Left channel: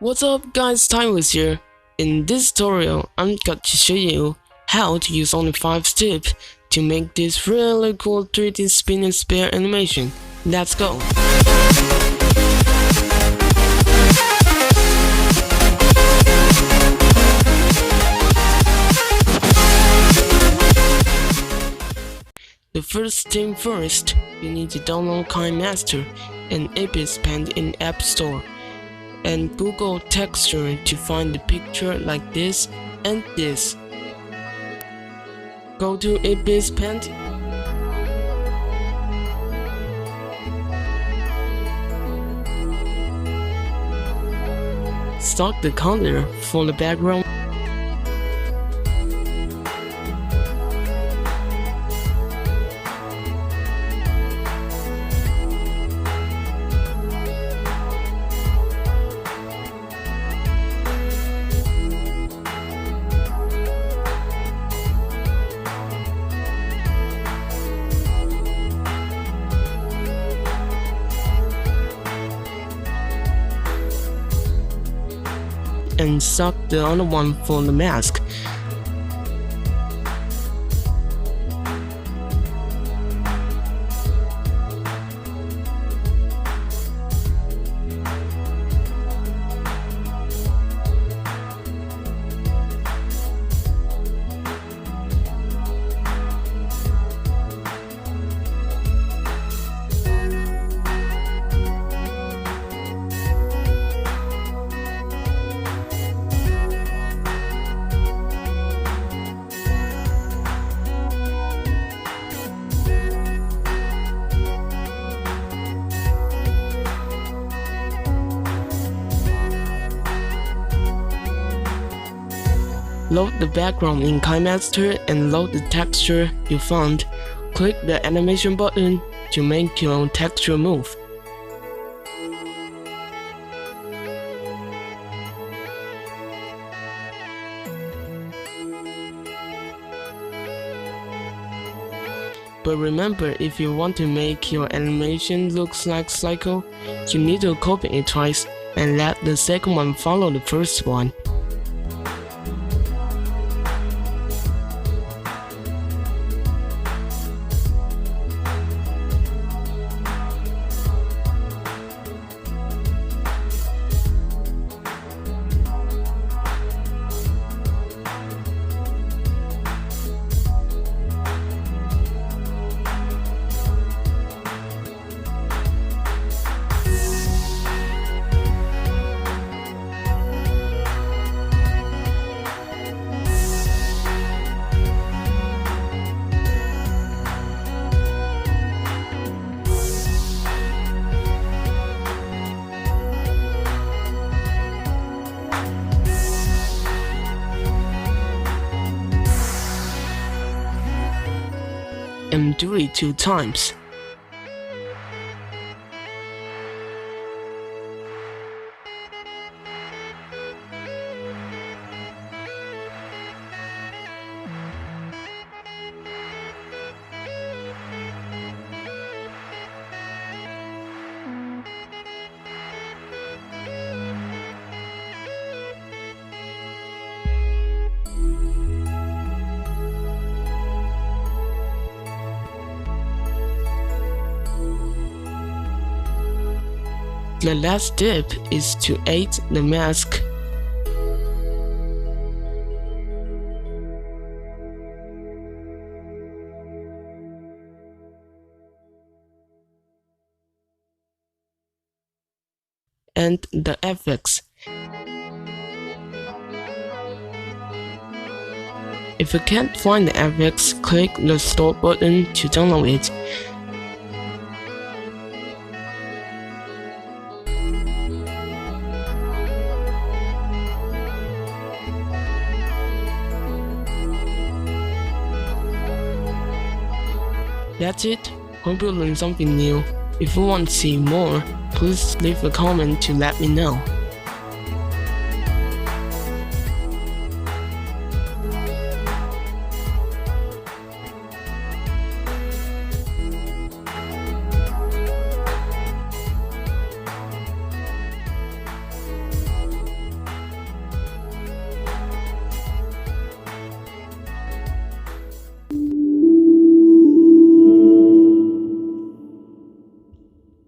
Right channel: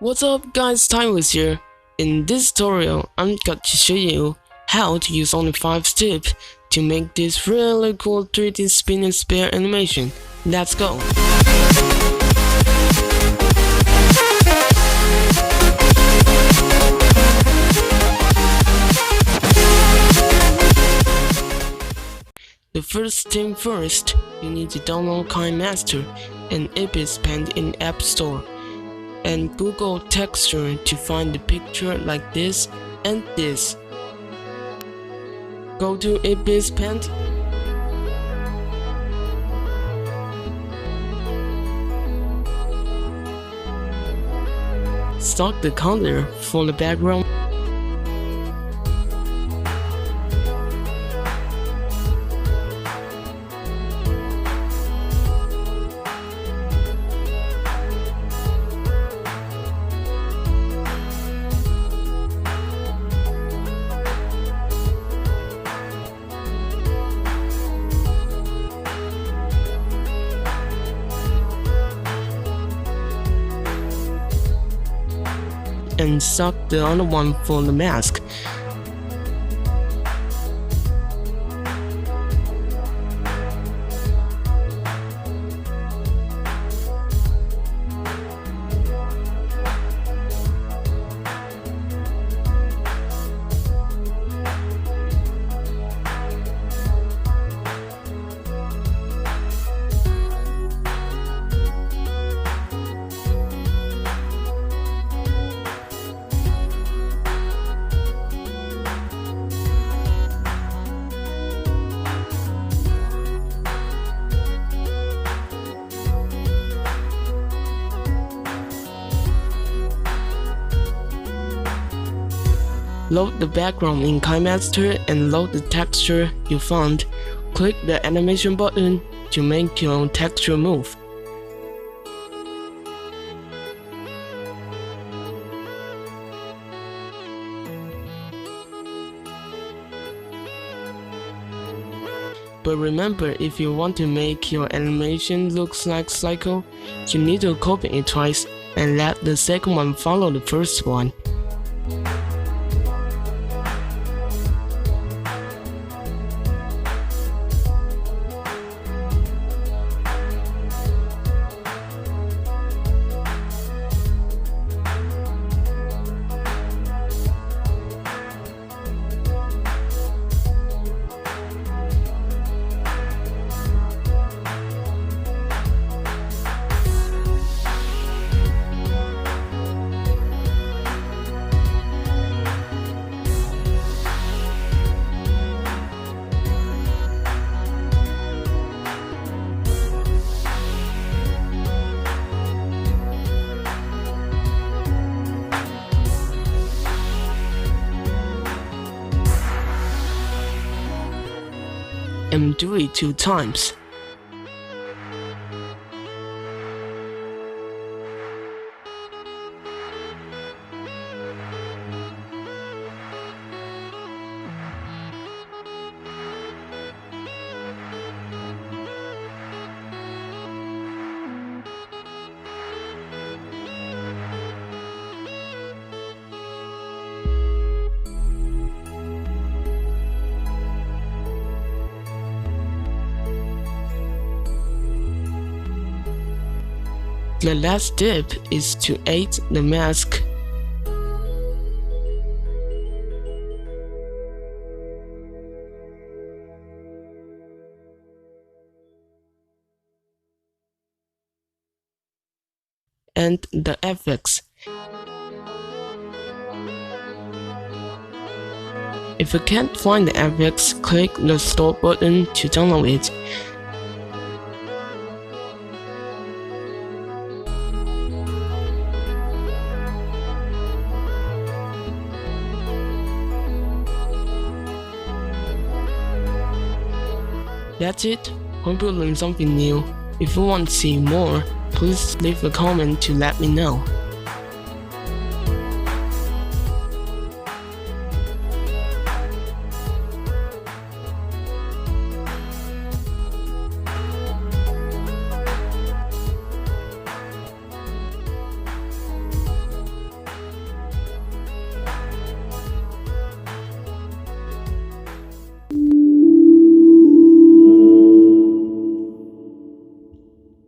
What's up guys, Timeless here. In this tutorial, I'm going to show you how to use only 5 steps to make this really cool 3D spin and spare animation. Let's go! The first thing first, you need to download KineMaster and Abyss Paint in App Store, and Google texture to find the picture like this and this. Go to Abyss Paint, start the color for the background. And suck the other one for the mask. Load the background in KineMaster and load the texture you found. Click the animation button to make your texture move. But remember, if you want to make your animation look like cycle, you need to copy it twice and let the second one follow the first one. And do it 2 times. The last step is to add the mask. And the effects. If you can't find the effects, click the store button to download it. That's it. Hope you learned something new. If you want to see more, please leave a comment to let me know.